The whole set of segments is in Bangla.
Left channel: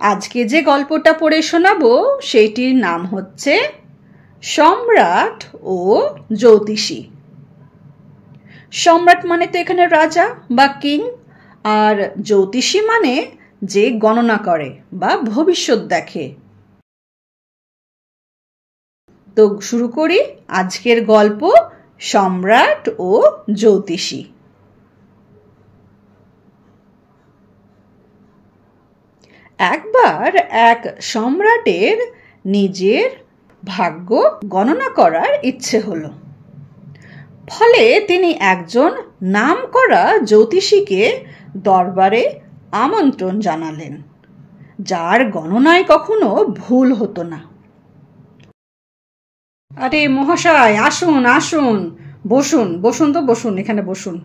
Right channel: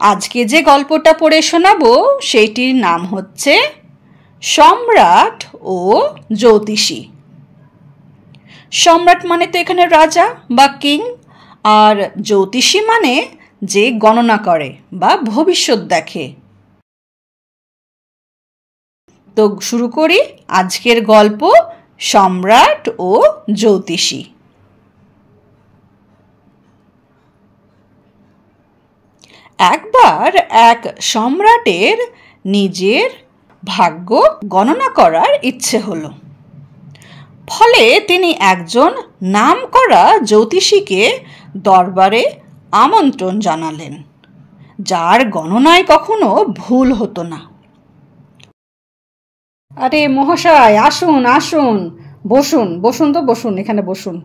আজকে যে গল্পটা পড়ে শোনাবো সেইটির নাম হচ্ছে সম্রাট ও জ্যোতিষী। সম্রাট মানে তো এখানে রাজা বা কিং, আর জ্যোতিষী মানে যে গণনা করে বা ভবিষ্যৎ দেখে। তো শুরু করি আজকের গল্প সম্রাট ও জ্যোতিষী। একবার এক সম্রাটের নিজের ভাগ্য গণনা করার ইচ্ছে হলো। ফলে তিনি একজন নামকরা জ্যোতিষীকে দরবারে আমন্ত্রণ জানালেন, যার গণনায় কখনো ভুল হতো না। আরে মহাশয়, আসুন আসুন, বসুন বসুন, তো বসুন, এখানে বসুন।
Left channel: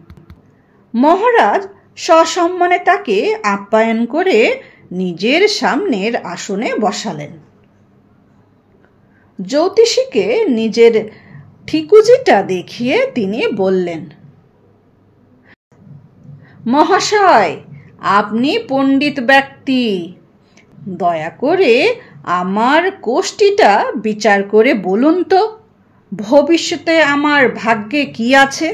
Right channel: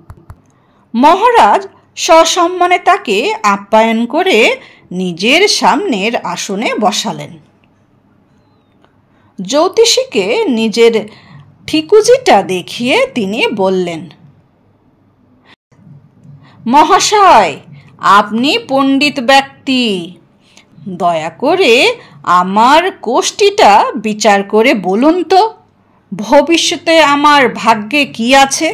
মহারাজ সসম্মানে তাকে আপ্যায়ন করে নিজের সামনের আসনে বসালেন। জ্যোতিষীকে নিজের ঠিকুজিটা দেখিয়ে তিনি বললেন, মহাশয়, আপনি পণ্ডিত ব্যক্তি, দয়া করে আমার কোষ্ঠীটা বিচার করে বলুন তো ভবিষ্যতে আমার ভাগ্যে কি আছে।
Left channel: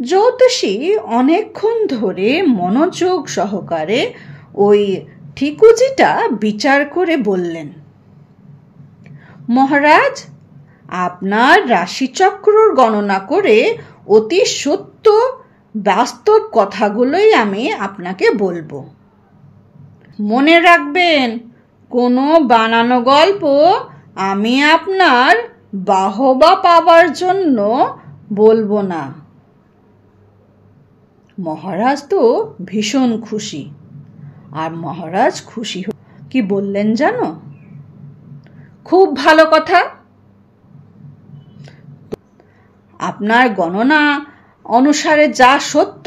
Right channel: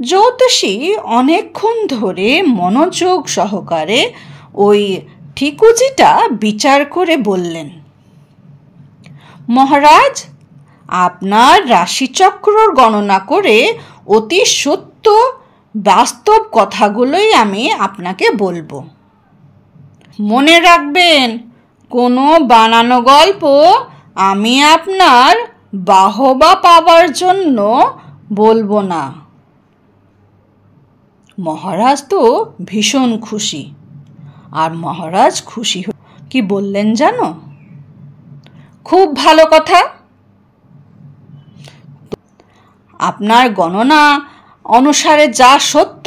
জ্যোতিষী অনেকক্ষণ ধরে মনোযোগ সহকারে ওই ঠিকুজিটা বিচার করে বললেন, মহারাজ, আপনার রাশিচক্রর গণনা করে অতি সত্য বাস্তব কথাগুলোই আমি আপনাকে বলবো। মনে রাখবেন, কোনো বানানো গল্প আমি আপনার বাহবা পাবার জন্য বলবো না। মহারাজ তো ভীষণ খুশি। আর মহারাজ খুশি কি বললেন জানো? খুব ভালো কথা, আপনার গণনা অনুসারে যা সত্য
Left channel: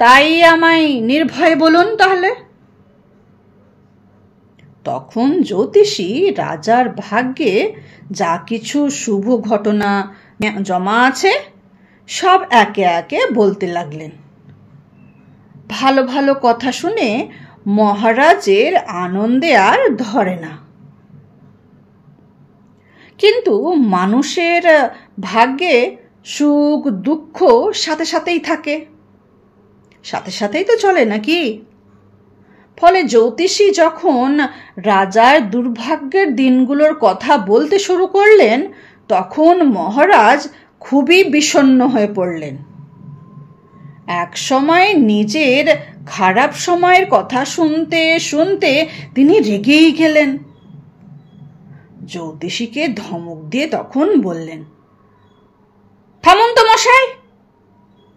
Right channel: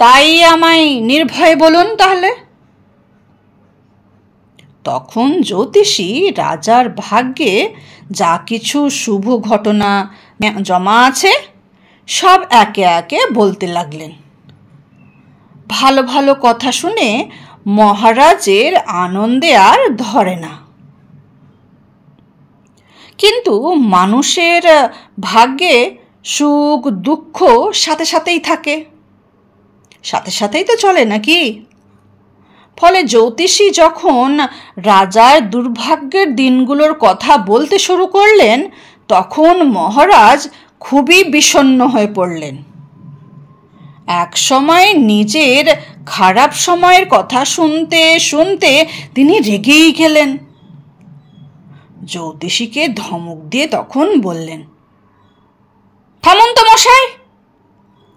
তাই আমায় নির্ভয়ে বলুন তাহলে। তখন জ্যোতিষী রাজার ভাগ্যে যা কিছু শুভ ঘটনা জমা আছে সব একে একে বলতে লাগলেন। ভালো ভালো কথা শুনে মহারাজের আনন্দে আর ধরে না। কিন্তু মানুষের ভাগ্যে সুখ দুঃখ সাথে সাথেই থাকে, সাথে সাথেই তো চলে নাকি? ফলে জ্যোতিষী যখন রাজার দুর্ভাগ্যের দিনগুলোর কথা বলতে শুরু করলেন, তখন মহারাজ খুবই বিষণ্ণ হয়ে পড়লেন। এক সময় নিজের খারাপ সময়ের কথা শুনতে শুনতে তিনি রেগেই গেলেন। জ্যোতিষীকে ধমক দিয়ে তখন বললেন, থামুন তো মশাই,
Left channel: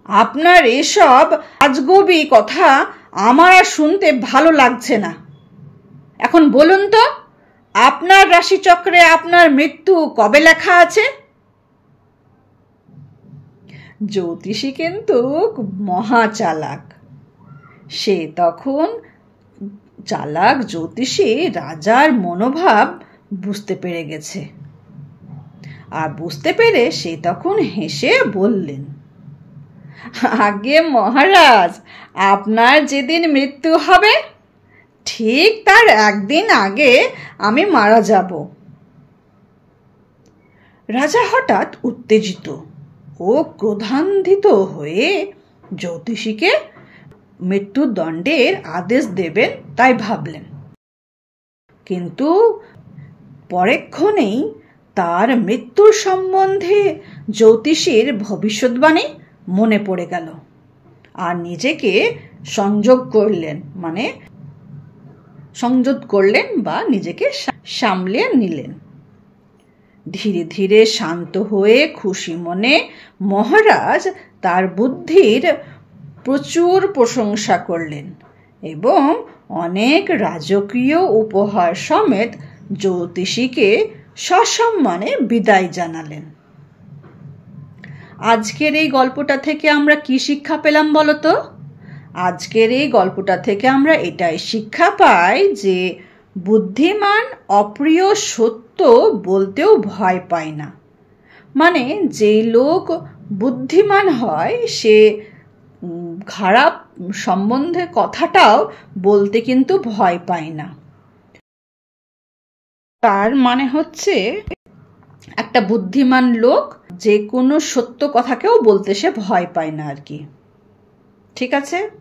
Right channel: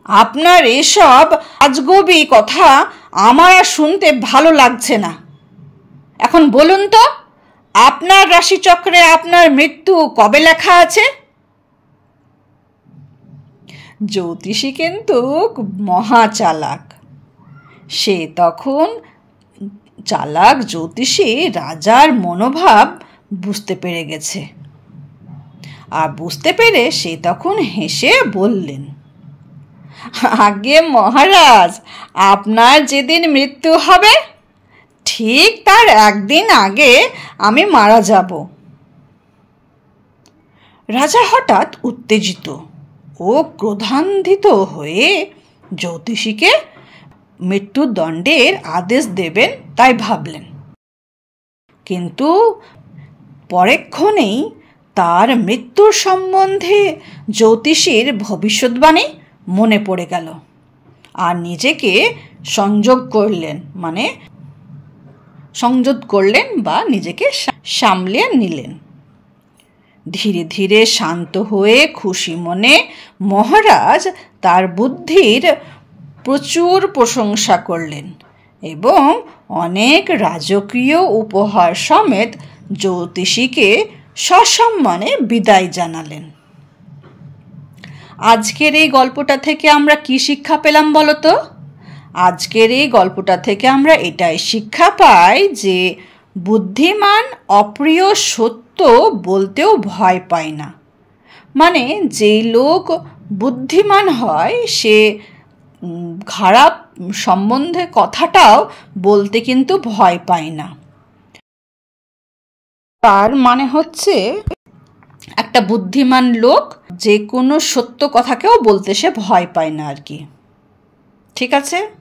আপনার এসব আজগবি কথা আমার শুনতে ভালো লাগছে না। এখন বলুন তো, আপনার রাশিচক্রে আপনার মৃত্যু কবে লেখা আছে? জ্যোতিষী কিন্তু মহা চালাক। সে তখন চালাক জ্যোতিষী রাজার মনোভাব বুঝতে পেরে গেছে। আর বুঝতে পেরে সে তখন হেসে বললেন, আগে মহারাজ, আপনার যেদিন মৃত্যু হবে ঠিক তার একদিন আগে আমি মারা যাব। রাজা হঠাৎ উত্তেজিত ও ক্রোধান্বিত হয়ে জ্যোতিষীকে মৃত্যুদণ্ডের আদেশ দেবেন তাই ভাবলেন। কিন্তু পরেক্ষণেই তার মৃত্যুর সম্বন্ধে জ্যোতিষীর ভবিষ্যৎবাণী মনে পড়ে গেল আর নিজেকে সংযত করলেন বা নিজেকে সামলে নিলেন। ধীরে ধীরে শান্ত হয়ে খুশি মনে মহারাজ তার বুদ্ধির প্রচুর প্রশংসা করলেন এবং অনেক রাজকীয় উপহার সমেত জ্যোতিষীকে সসম্মানে বিদায় জানালেন। আজকের এই গল্পটা থেকে আমরা কি শিক্ষা পেলাম বলো তো? আজকের এই গল্পটা থেকে আমরা এটাই শিক্ষা পাই যে বুদ্ধিমান অপ্রিয় সত্য বলতেও ভয় পায় না। মানে যে লোক বুদ্ধিমান হয় সে খারাপ সম্বন্ধে কথাটাও বলতে কিন্তু ভয় পায় না। তার মানে হচ্ছে একটা বুদ্ধিমান লোক যে কোনো সত্য কথাকেও বলতে সে ভয় পায় না আর কি। ঠিক আছে?